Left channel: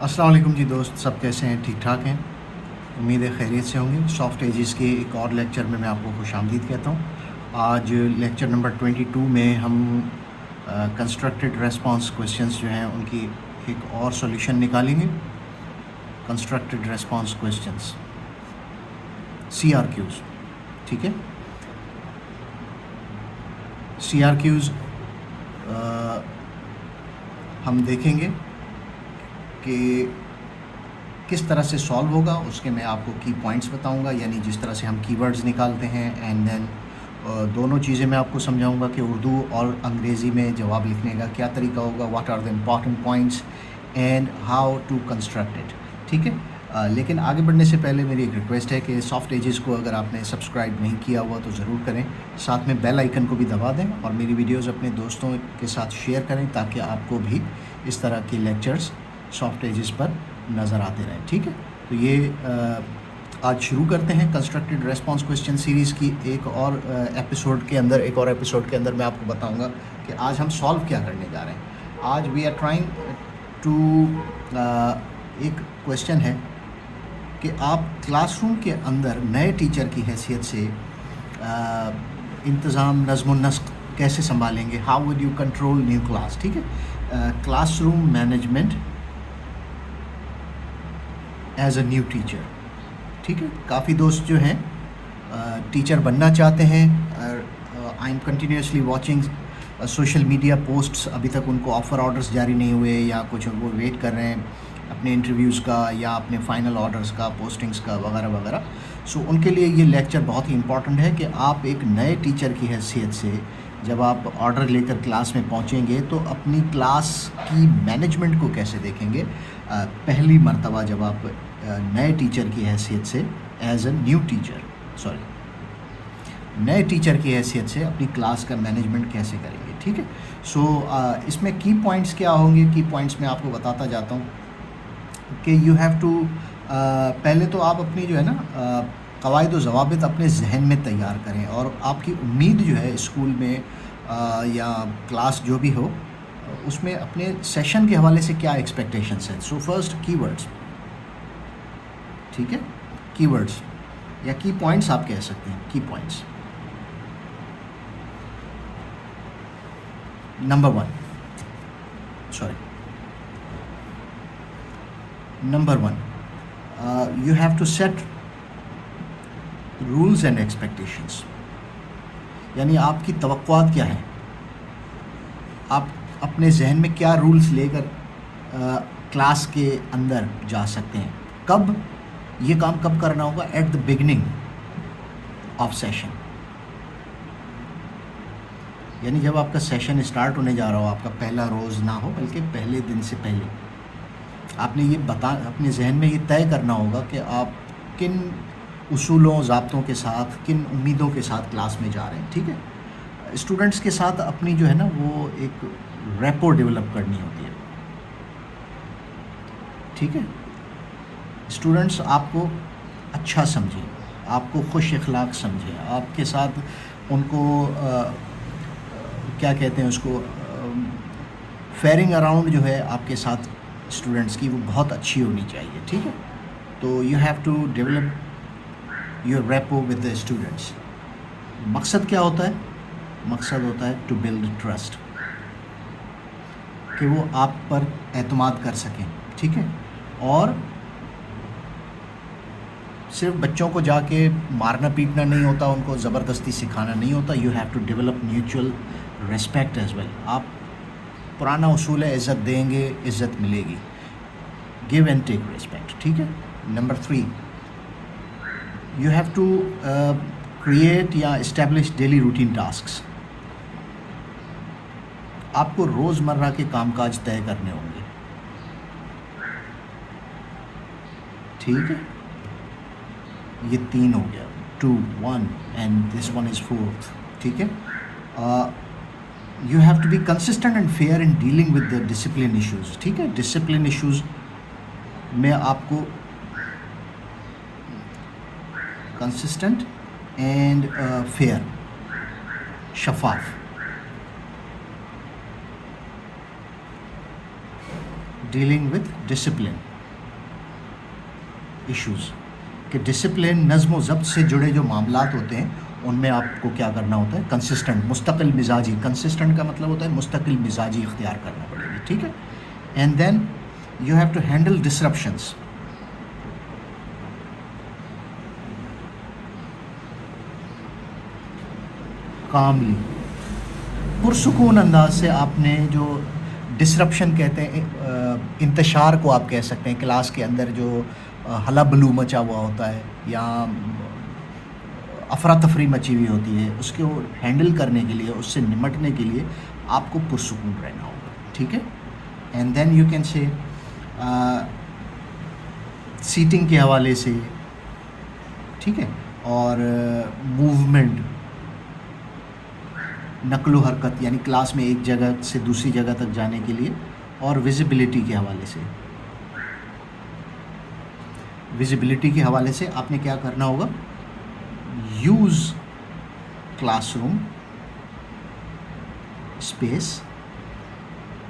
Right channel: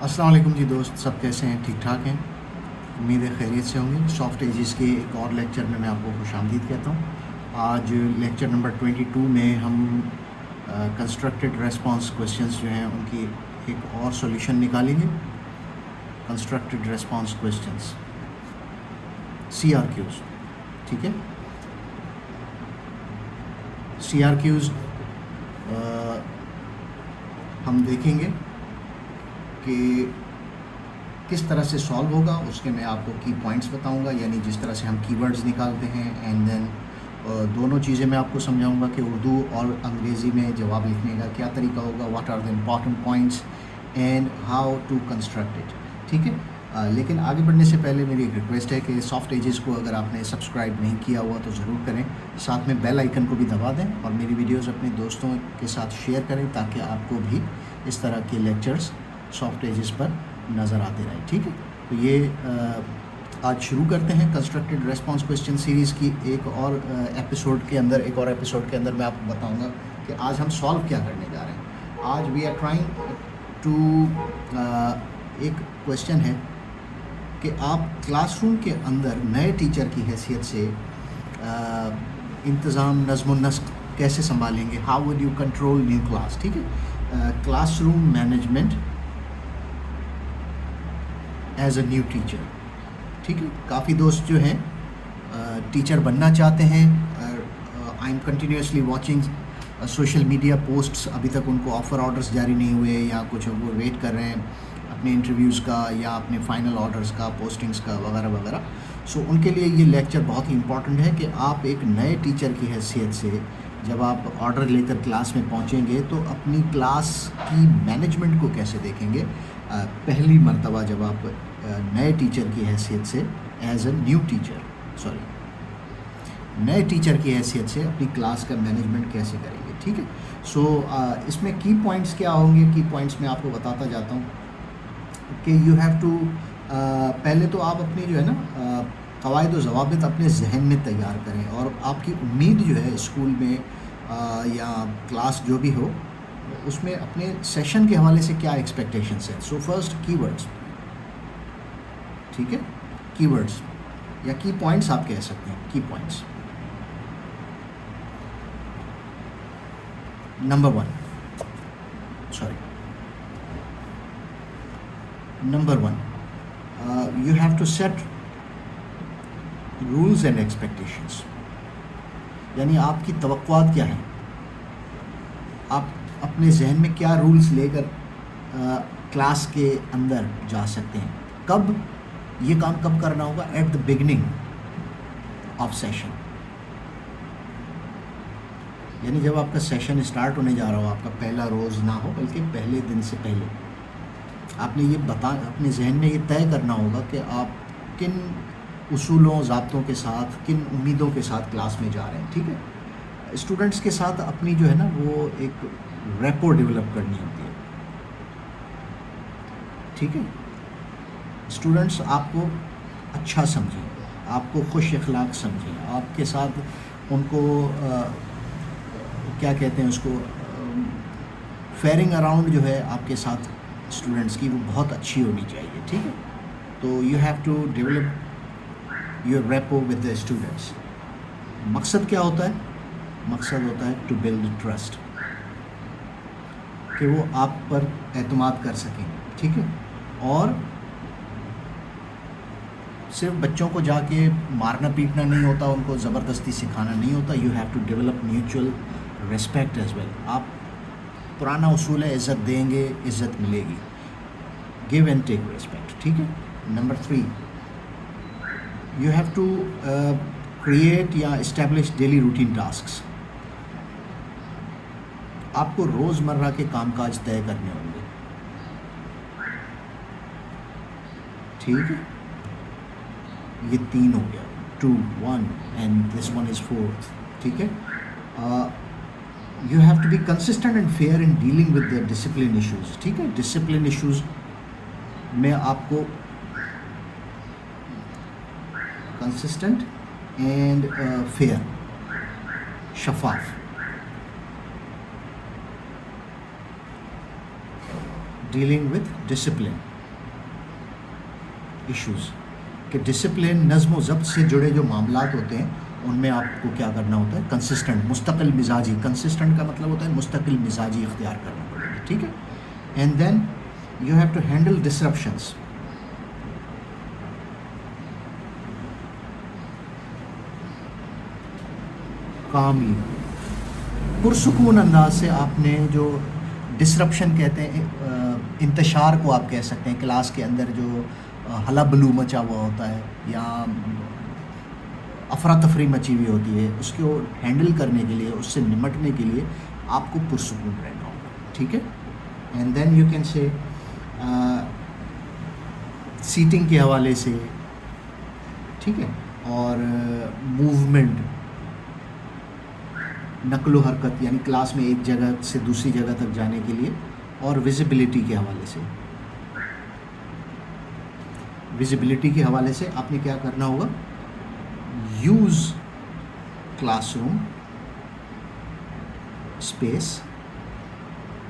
अस्सलाम वालेकुम जी दोस्त, सब कैसे हैं? ठीक ठाक हैं? उम्मीद है खैरियत से होंगे। सॉफ्ट एजेस के एक और लेक्चर में मैं आपको खुशामदीद कहता हूँ। आज लेक्चर नंबर 22 में हम कंस्ट्रक्टेड रेस्पॉन्स क्वेश्चंस जो हैं उनकी एक और सॉल्यूशन निकालेंगे। कंस्ट्रक्टेड रेस्पॉन्स क्वेश्चंस CRQs, ठीक है। CRQs हम देखेंगे कि किस तरह से सॉल्व होगा। उसके मैं आपको की पॉइंट्स बताऊंगा, यानी जिस तरह से हम कीवर्ड्स निकालते हैं। एंड देन दोनों चीज़ें मैं आपको समझाऊंगा कि उर्दू और अंग्रेज़ी में जवाब लिखने का क्या तरीका होगा, what are the important points and how to construct it, ठीक है। लेकिन आगे बढ़ने से पहले मेरी एक रिक्वेस्ट है कि सॉफ्ट एजेस को अगर आपने सब्सक्राइब नहीं किया हुआ तो ज़रूर करें, साथ में बेल आइकन को भी दबा दें और मेरी वीडियोस अपने दोस्तों के साथ शेयर करें ताकि आपको भी इस तरह के लेक्चर्स सॉफ्ट एजेस पर नज़र आते रहें, ठीक है। तो ये आज शुरू करते हैं कंस्ट्रक्टेड रेस्पॉन्स क्वेश्चन सीरीज़ की एक और एपिसोड के अंदर मैं आपको बताऊंगा कि आज हम सॉल्व क्या करने जा रहे हैं। आज वी आर ट्राइंग टू एक क्वेश्चन है कि आप क्लासरूम के अंदर नए टीचर की हैसियत से इंतज़ाम नज़्म नस्क कैसे संभालेंगे, how would you control new class, ठीक है। Classroom management as a new teacher, ठीक है। काफ़ी दोस्त जो हैं टीचर बनना चाहते हैं। I am continuously watching social media posts, अभी तक उनको ऑफ़र ऑर्डर्स जारी नहीं हुए या कुछ वो वेट कर रहे हैं अपने इंटरव्यूज़ का या अपने फ़ाइनल ऑर्डर्स का, पोस्टिंग्स का वगैरह वगैरह। सो उनके लिए ये लेक्चर बहुत ही इम्पॉर्टेंट है कि आप एक नए टीचर की हैसियत से जब आप ऑर्डर लेकर क्लास में पहुंचेंगे तो अपनी क्लास की मैनेजमेंट को कैसे देखेंगे। पहली मर्तबा जब आप नए टीचर की हैसियत से नए टीचर की हैसियत से अपनी क्लास का मैनेजमेंट कैसे करेंगे, ठीक है। सो इसमें की पॉइंट्स क्या होंगे, की पॉइंट्स मैं आपको बताता जाता हूँ कि यू हैव टू पहले तो आप अपनी जो है ना कवायद व ज़वाबित अपने जहन में तैयार करें और आपकी उम्मीद जो है स्कूल में या क्लास जो भी हो उसमें अपने सेशन के हवाले से क्या एक्सपेक्टेशंस है। सो फर्स्ट कीवर्ड्स, ठीक है। कीवर्ड्स या की पॉइंट्स आप कह सकते हैं, की points. Number one, you have to set rules and expectations, यानी आपकी तवक्कुआत क्या हैं, आप अपने जहन में क्या रूल्स लेकर क्लास के अंदर जा सकते हैं। कब ये काम कब करना होगा, at the beginning of session, यानी जब आपका सेशन स्टार्ट होने जा रहा हो, आपका पहला रोज़ ना हो बल्कि पहले दिन से पहले आपने ये अपने जहन में ये तय करना होगा कि आप किन उसूलों ज़ाब्तों के साथ, किन उम्मीदों के साथ क्लास में जा रहे हैं, ठीक है। स्टूडेंट्स के साथ अपनी जो है ना वो एक रैपो डेवलप करनी होती है, ठीक है। स्टूडेंट्स आपको अच्छा समझें, आपको खुश अखलाक समझें, आपके साथ उनको क्या कहते हैं उसको, फेयरिंग अराउंड जो है आपके साथ स्टूडेंट्स की वो बहुत अच्छी होनी चाहिए, ठीक है। तो you have to develop your rapport with the students. मकसद क्या होता है, मकसद होता है टू बिल्ड ट्रस्ट, कि वो आप पर एतमाद कर सकें, ठीक है। और सिर्फ बच्चों को जाके मारना पीटना नहीं होता, उनको ज़बरदस्ती सिखाना नहीं होता। You have to develop mutual respect as well. आप पुराना उसूल है, इज़्ज़त देंगे इज़्ज़त मिलेगी, गिव एंड टेक रिस्पेक्ट, ठीक है। Number 3, you have to create या इस्टेब्लिश डेली रूटीन टास्क्स। आपको रोज़मर्रा के कामकाज तय करने होंगे, ठीक है। ये 3 हो गया, 2, 1 and this one is 4th, ठीक है। You have to be consistent and fair in dealing with the discipline issues, ठीक है। डिसिप्लिन इश्यूज़ में आपको कंसिस्टेंट एंड फेयर, शफाफ, डीलिंग विद डिसिप्लिन, इश्यूज़ कि डिसिप्लिन, नज़्म व ज़ब्त से जुड़े जो मामलात होते हैं उनमें आपको क्या करना होता है, कंसिस्टेंट, मुस्तकिल मिजाजी, कंसिस्टेंट का मतलब होता है मुस्तकिल मिजाजी इख्तियार करना पड़ेगा, ठीक है। And then you have to handle disruptions, calmly, पुरसुकून अंदाज से आपने जो डिसरप्शन कहते हैं, इंतशार को आप कह सकते हैं, क्लास के अंदर जो हला बलू मचा हुआ होता है या अफरा तफरी मची हुई होती है, उसको हैंडल करने के लिए, उससे निमटने के लिए आपको पुरसुकून रहना होगा, ठीक है। And then you can say seating के हवाले से, ठीक है, और मूवमेंट, नक्लो हरकत यानी क्लास में एक जगह से दूसरी जगह तक जाने के लिए, और विजिबिलिटी के हवाले से, विजिबिलिटी के हवाले से आपने क्या करना होगा, यूज़ क्लासरूम स्पेस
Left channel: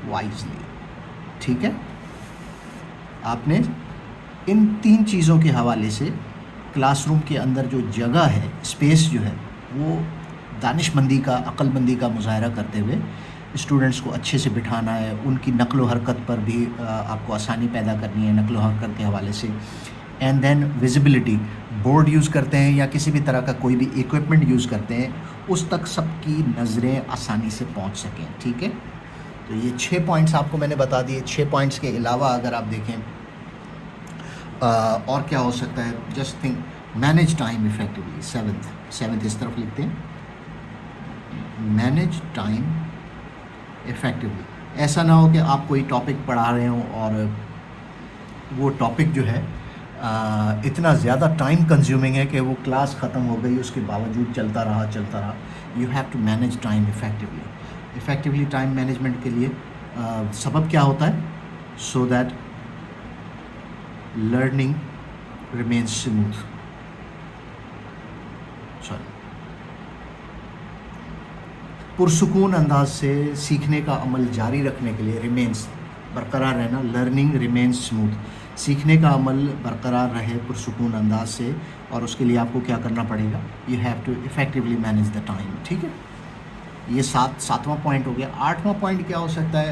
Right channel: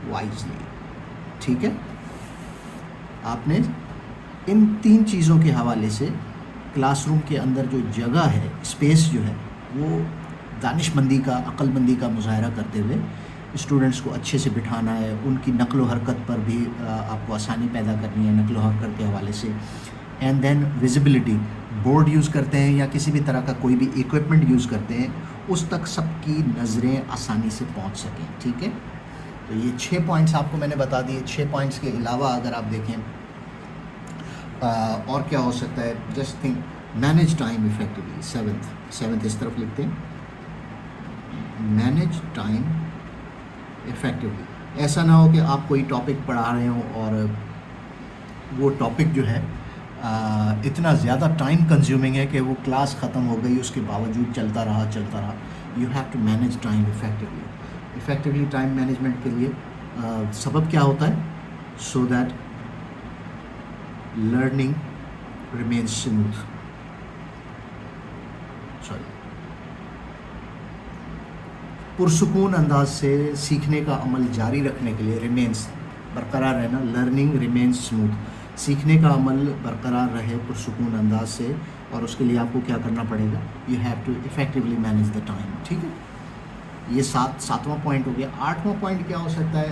वाइजली, ठीक है। आपने इन 3 चीज़ों के हवाले से क्लासरूम के अंदर जो जगह है, स्पेस जो है, वो दानिशमंदी का, अक्लमंदी का मुज़ाहरा करते हुए स्टूडेंट्स को अच्छे से बिठाना है, उनकी नक़्ल व हरकत पर भी आपको आसानी पैदा करनी है नक़्ल व हरकत के हवाले से। And then visibility, board use करते हैं या किसी भी तरह का कोई भी इक्विपमेंट यूज़ करते हैं, उस तक सबकी नज़रें आसानी से पहुंच सकें, ठीक है। तो ये 6 पॉइंट्स आपको मैंने बता दिए। 6 पॉइंट्स के अलावा अगर आप देखें और क्या हो सकता है, just think, manage time effectively, seventh इस तरफ लिखते हैं, मैनेज टाइम इफ़ेक्टिवली। ऐसा ना हो कि आप कोई टॉपिक पढ़ा रहे हो और वो टॉपिक जो है इतना ज़्यादा टाइम कंज्यूमिंग है कि वो क्लास ख़त्म हो गई, उसके बावजूद चलता रहा। You have to manage time effectively time management के लिए सबब क्या होता है, so that learning remains smooth, पुरसुकून अंदाज से सीखने का अमल जारी रखने के लिए, रिमेन्स बरकरार रहना, लर्निंग रिमेन्स स्मूथ, सीखने का अमल बरकरार रहे पुरसुकून अंदाज से, और उसके लिए आपको क्या करना पड़ेगा, you have to effectively manage the time, ठीक है। ये सातवां पॉइंट हो गया। 8वां पॉइंट क्या हो सकता है,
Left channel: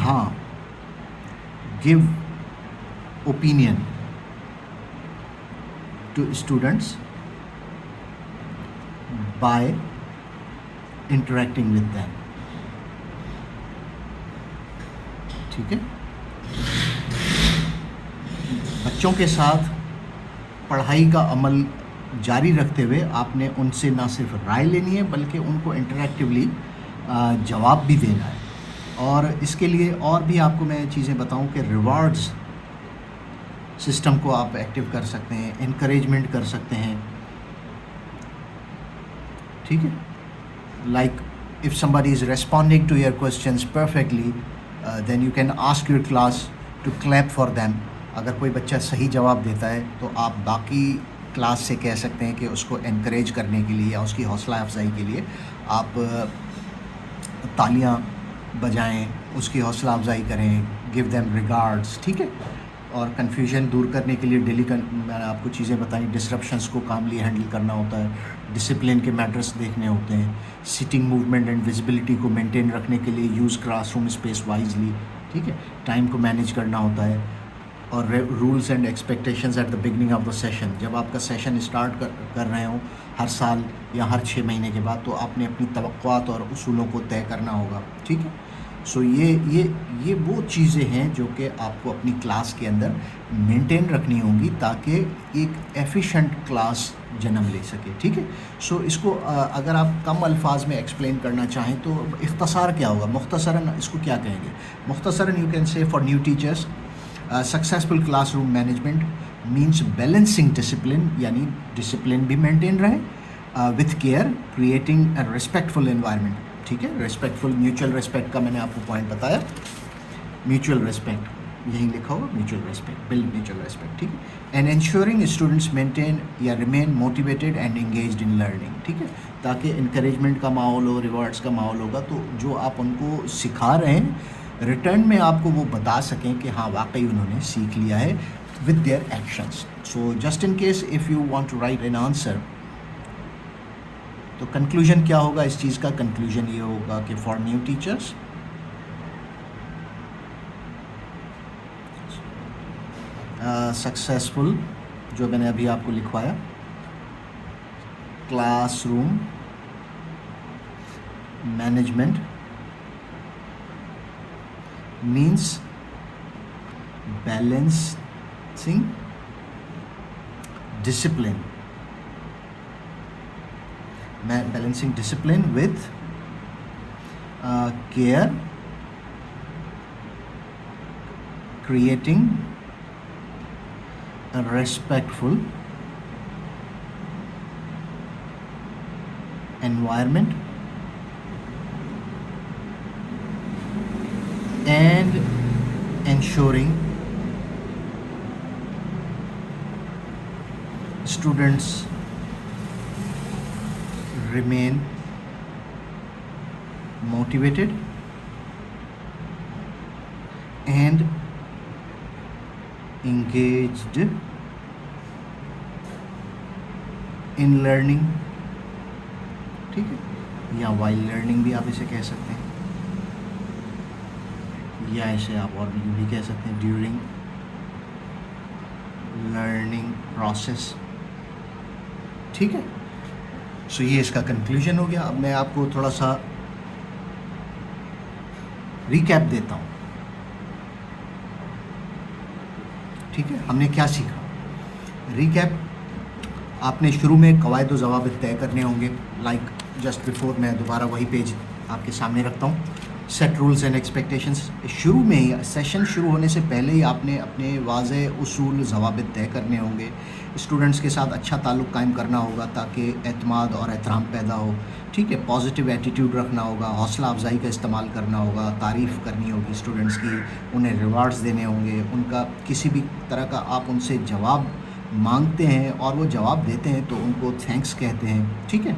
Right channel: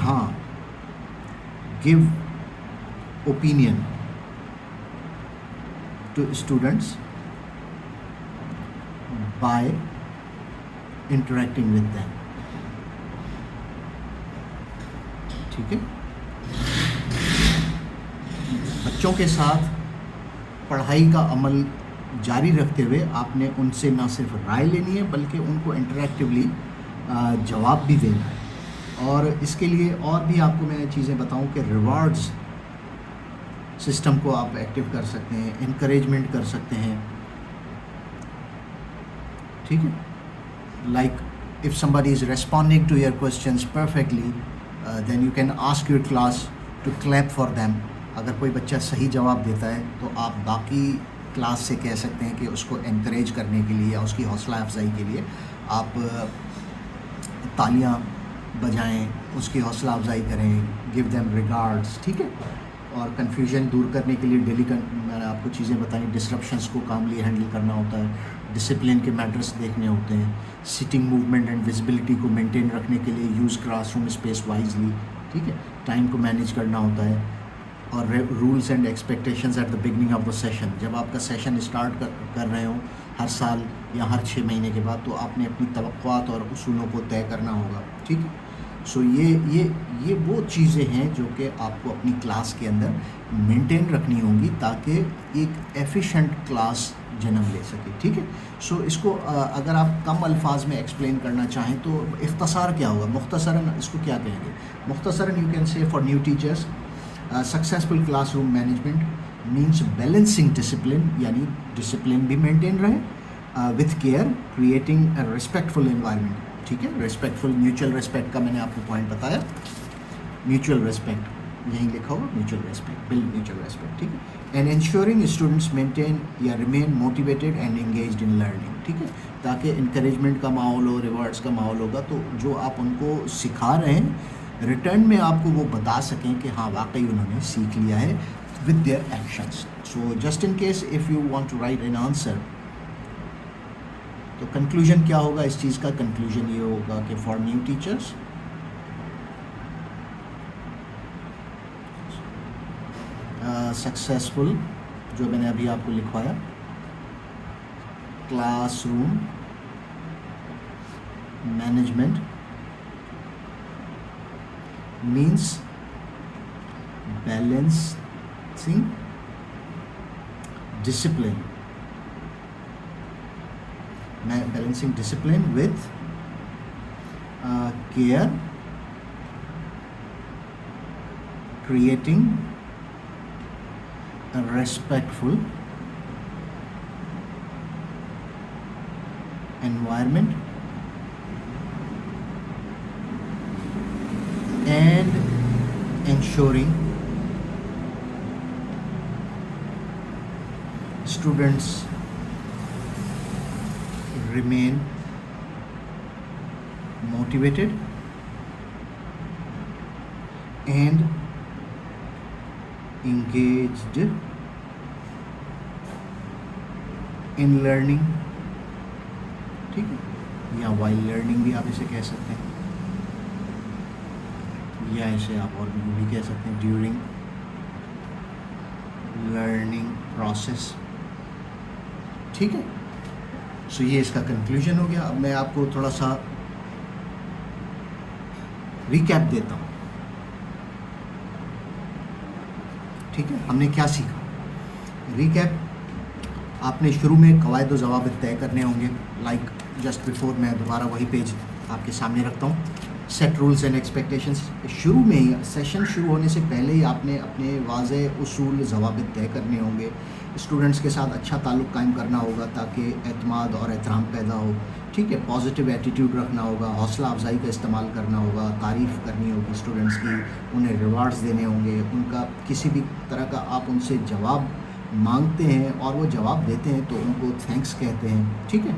हाँ, give opinion to students by interacting with them, ठीक है। बच्चों के साथ पढ़ाई का अमल जारी रखते हुए आपने उनसे ना सिर्फ राय लेनी है बल्कि उनको इंटरेक्टिवली जवाब भी देना है। और इसके लिए और भी आपको मैं चीज़ें बताऊं कि रिवॉर्ड्स सिस्टम को आप एक्टिव कर सकते हैं, इनकरेजमेंट कर सकते हैं, ठीक है। Like if somebody is responding to your questions perfectly, then you can ask your class to clap for them. अगर कोई बच्चा सही जवाब देता है तो आप बाकी क्लास से कह सकते हैं कि उसको encourage करने के लिए या उसकी हौसला अफजाई के लिए आप तालियां बजाएं, उसकी हौसला अफजाई करें, give them regards, ठीक है। और कन्फ्यूजन दूर करने के लिए डेली मैंने आपको चीज़ें बताई, डिसरप्शंस को कामली हैंडल करना होता है, डिसिप्लिन के मैटर्स देखने होते हैं, सिटिंग मूवमेंट एंड विजिबिलिटी को मेंटेन रखने के लिए यूज़ क्लासरूम स्पेस वाइजली, ठीक है, टाइम को मैनेज करना होता है, और rules and expectations at the beginning of the session, जब आपका सेशन स्टार्ट कर रहे हो हर साल या हर 6 महीने के बाद, तो आपने अपनी तवक्कुआत और उसूलों को तय करना होगा, ठीक है। सो ये वो चीज़ें हैं जो कि आपको अपनी क्लास के अंदर मेंटेन रखनी होंगी ताकि एक एफिशिएंट क्लास जन्म ले सके, ठीक है। सो इसको अगर आप कम अल्फाज में एक्सप्लेन करना चाहें तो इख्तसार क्या होगा, मुख्तसरन इसको क्या कहेंगे, मुख्तसरन you can say for new teachers, successful classroom management means balancing discipline, यानी डिसिप्लिन भी मेंटेन रहे with care, creating a respectful environment, ठीक है। रिस्पेक्टफुल, म्यूचुअल रिस्पेक्ट का मैंने आपको पॉइंट बताया, म्यूचुअल रिस्पेक्ट यहीं लिखा होगा, mutual respect, build mutual respect, ठीक। एंड इंश्योरिंग स्टूडेंट्स मेंटेन या remain motivated and engaged in learning, ठीक है, ताकि इंकरेजमेंट का माहौल हो, रिवार्ड्स का माहौल होगा, तो जो आप उनको सिखा रहे हैं ریٹرن میں آپ کو وہ بتا سکیں کہ ہاں واقعی انہوں نے سیکھ لیا ہے with their actions. So just in case if you want to write an answer, تو کنکلوژن کیا ہوگا اس چیز کا؟ کنکلوژن یہ ہوگا کہ فار نیو ٹیچرس سکسیزفل, جو میں نے ابھی آپ کو لکھوایا, classroom management means balancing discipline with care, creating a respectful environment and ensuring students remain motivated and engaged in learning. ٹھیک ہے, یا while learning بھی آپ اسے کہہ سکتے ہیں, یا اسے آپ اور بھی کہہ سکتے ہیں ڈیورنگ لرننگ پروسیس. ٹھیک ہے, سو یہ اس کا کنکلوژن ہو گیا. اب میں آپ کو تھوڑا سا ریکیپ دیتا ہوں. ٹھیک ہے, ہم نے کیا سیکھا؟ ریکیپ, آپ نے شروع میں قواعد و ضوابط طے کرنے ہوں گے. لائک جسٹ بیفور میں دوبارہ وہی پیج آپ کے سامنے رکھتا ہوں. Set rules and expectations. شروع میں ہی سیشن شروع ہونے سے پہلے ہی آپ نے اپنے واضح اصول ضوابط طے کرنے ہوں گے. اسٹوڈنٹس کے ساتھ اچھا تعلق قائم کرنا ہوگا تاکہ اعتماد اور احترام پیدا ہو. ٹھیک ہے, پازیٹیو ایٹیٹیوڈ رکھنا ہوگا, حوصلہ افزائی کا استعمال کرنا ہوگا, تعریف کرنی ہوگی اسٹوڈنٹس کی, انہیں ریوارڈز دینے ہوں گے. ان کا کسی بھی طرح کا آپ ان سے جواب مانگتے ہیں اور وہ جواب دیتے ہیں تو ان کو تھینکس کہتے ہیں. ٹھیک ہے,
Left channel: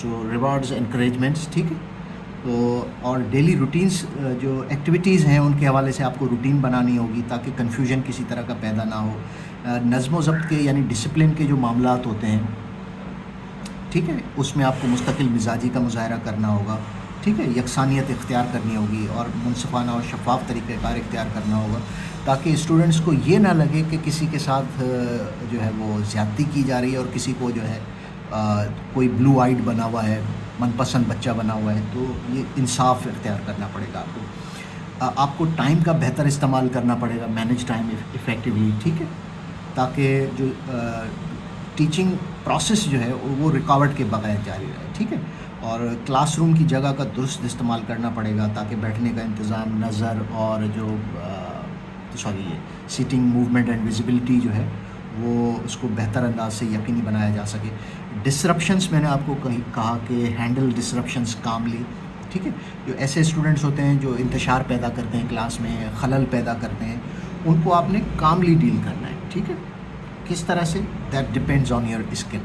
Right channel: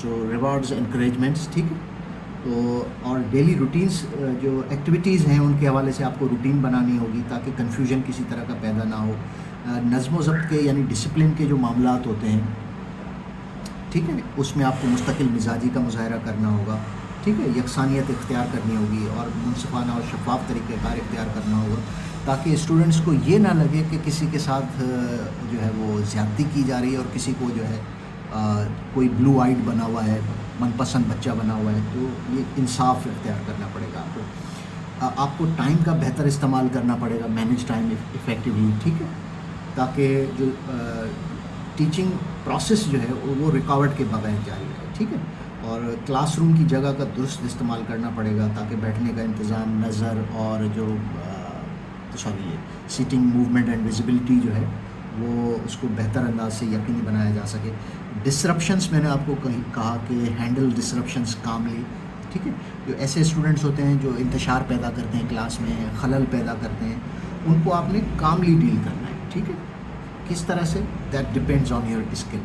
سو ریوارڈز انکریجمنٹس. ٹھیک ہے, اور ڈیلی روٹینس جو ایکٹیویٹیز ہیں ان کے حوالے سے آپ کو روٹین بنانی ہوگی تاکہ کنفیوژن کسی طرح کا پیدا نہ ہو. نظم و ضبط کے یعنی ڈسپلن کے جو معاملات ہوتے ہیں, ٹھیک ہے, اس میں آپ کو مستقل مزاجی کا مظاہرہ کرنا ہوگا. ٹھیک ہے, یکسانیت اختیار کرنی ہوگی اور منصفانہ اور شفاف طریقہ کار اختیار کرنا ہوگا تاکہ اسٹوڈنٹس کو یہ نہ لگے کہ کسی کے ساتھ جو ہے وہ زیادتی کی جا رہی ہے اور کسی کو جو ہے کوئی بلو آئیڈ بنا ہوا ہے, من پسند بچہ بنا ہوا ہے. تو یہ انصاف اختیار کرنا پڑے گا آپ کو. آپ کو ٹائم کا بہتر استعمال کرنا پڑے گا, مینیج ٹائم افیکٹولی. ٹھیک ہے, تاکہ جو ٹیچنگ پروسیس جو ہے وہ رکاوٹ کے بغیر جاری رہے. ٹھیک ہے, اور کلاس روم کی جگہ کا درست استعمال کرنا پڑے گا تاکہ بیٹھنے کا انتظام, نظر اور جو سیٹنگ موومنٹ اینڈ ویزیبلٹی جو ہے وہ اس کو بہتر انداز سے یقینی بنایا جا سکے. ڈسرپشنس, میں نے آپ کو کہا کہ ہینڈل ڈسرپشنس کاملی. ٹھیک ہے, جو ایسے اسٹوڈنٹس ہوتے ہیں جو انتشار پیدا کرتے ہیں کلاس میں, خلل پیدا کرتے ہیں, ان کو آپ نے کاملی ڈیل کرنا ہے. ٹھیک ہے, کس طرح سے؟ That depends on your skill.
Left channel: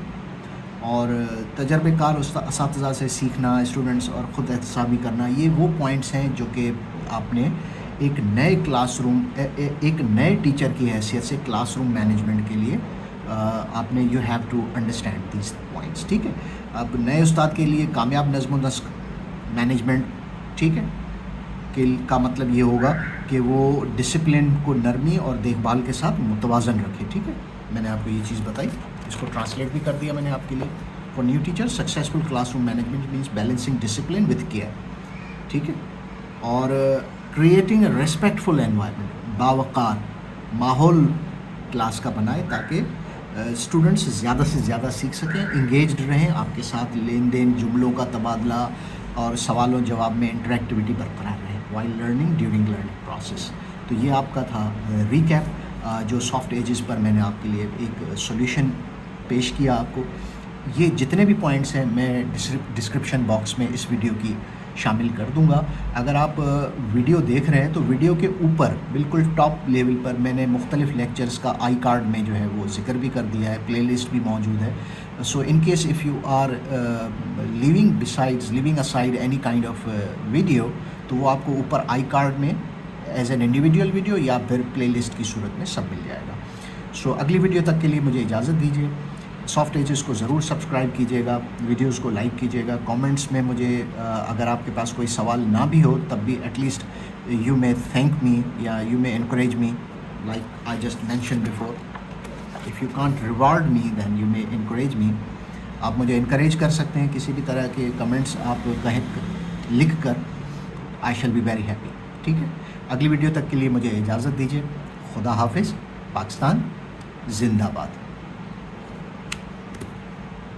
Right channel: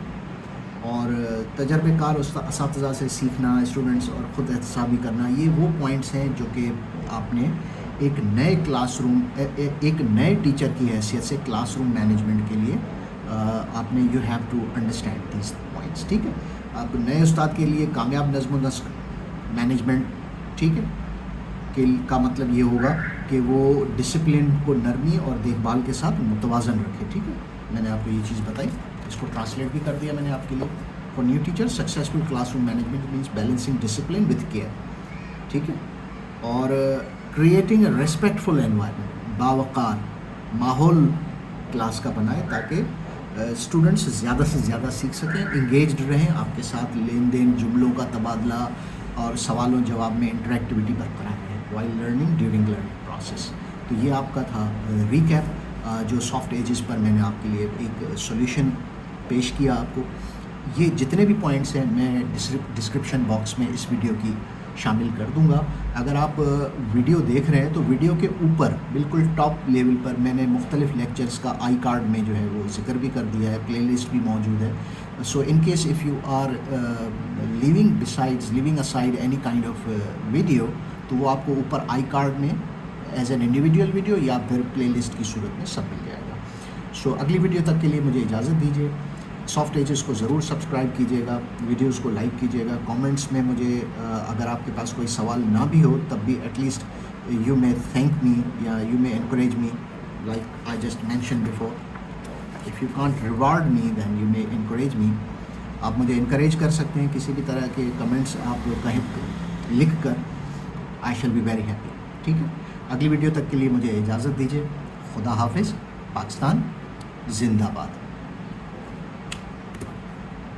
اور تجربے کار اساتذہ سے سیکھنا, اسٹوڈنٹس اور خود احتسابی کرنا, یہ وہ پوائنٹس ہیں جو کہ آپ نے ایک نئے کلاس روم, ایک نئے ٹیچر کی حیثیت سے کلاس روم مینجمنٹ کے لیے آپ نے you have to understand these points. ٹھیک ہے, آپ نئے استاد کے لیے کامیاب نظم و نسق مینجمنٹ, ٹھیک ہے, کا مطلب یہ ہوگا کہ وہ ڈسپلن کو نرمی اور دیکھ بھال کے ساتھ متوازن رکھے. ٹھیک ہے, میں نے آپ کو یہ چیز بتائی, اس کو ٹرانسلیٹ بھی کر دیا میں نے آپ کے لیے. For new teacher successful class room management means balancing discipline with care. ٹھیک ہے, اور کریٹنگ اے ریسپیکٹفل انوائرمنٹ, باوقار ماحول کلاس کا بنائے تاکہ اسٹوڈنٹس زیادہ سے زیادہ سیکھ سکیں, انگیجڈ رہیں, آپ کے ساتھ لین دین, جملوں کا تبادلہ اور سوال و جواب میں انٹریکٹیوٹی برقرار رہیں while learning during learning process. تو یہ آپ کا تھا ریکیپ جو سافٹ ایجز پر میں نے آپ کے لیے ایک سولیوشن پیش کیا آپ کو. یہ جتنے بھی پوائنٹس ہیں میں ڈسکرپشن باکس میں اس ویڈیو کی شامل کر دوں گا. اگر آپ ویڈیو دیکھ رہے ہیں تو ویڈیو کے اوپر بالکل ٹاپ لیول پر میں نے مختلف لیکچرز کا آئی کارڈ میں جو ہے وہ ذکر بھی کر دیا ہے, پلے لسٹ بھی موجود ہے. So in case if you are leaving aside any kind of video, تو وہ آپ کو اوپر آئی کارڈ میں ایز این انڈیویجول ویڈیو یا پھر پلے لسٹ کی صورت میں سب مل جائے گا. سو اگلی ویڈیو تک کے لیے مجھے اجازت دیجیے. سافٹ ایجز کو ضرور سبسکرائب کیجیے گا, ویڈیوز کو لائک کیجیے گا, کامنٹس میں مجھے اگر آپ کے پاس کوئی سوال نہ بھی ہو تب بھی at least you may thank me یا you may encourage me like I just mention before. If you can't reward me then you may encourage me. آپ مجھے انکریج کر سکتے ہیں کسی بھی طرح کے کمنٹس آپ لکھ کر. I shall be very happy. ٹھیک ہے, اگلی ویڈیو تک کے لیے مجھے اجازت دیجیے. خدا حافظ. پاکستان زندہ باد.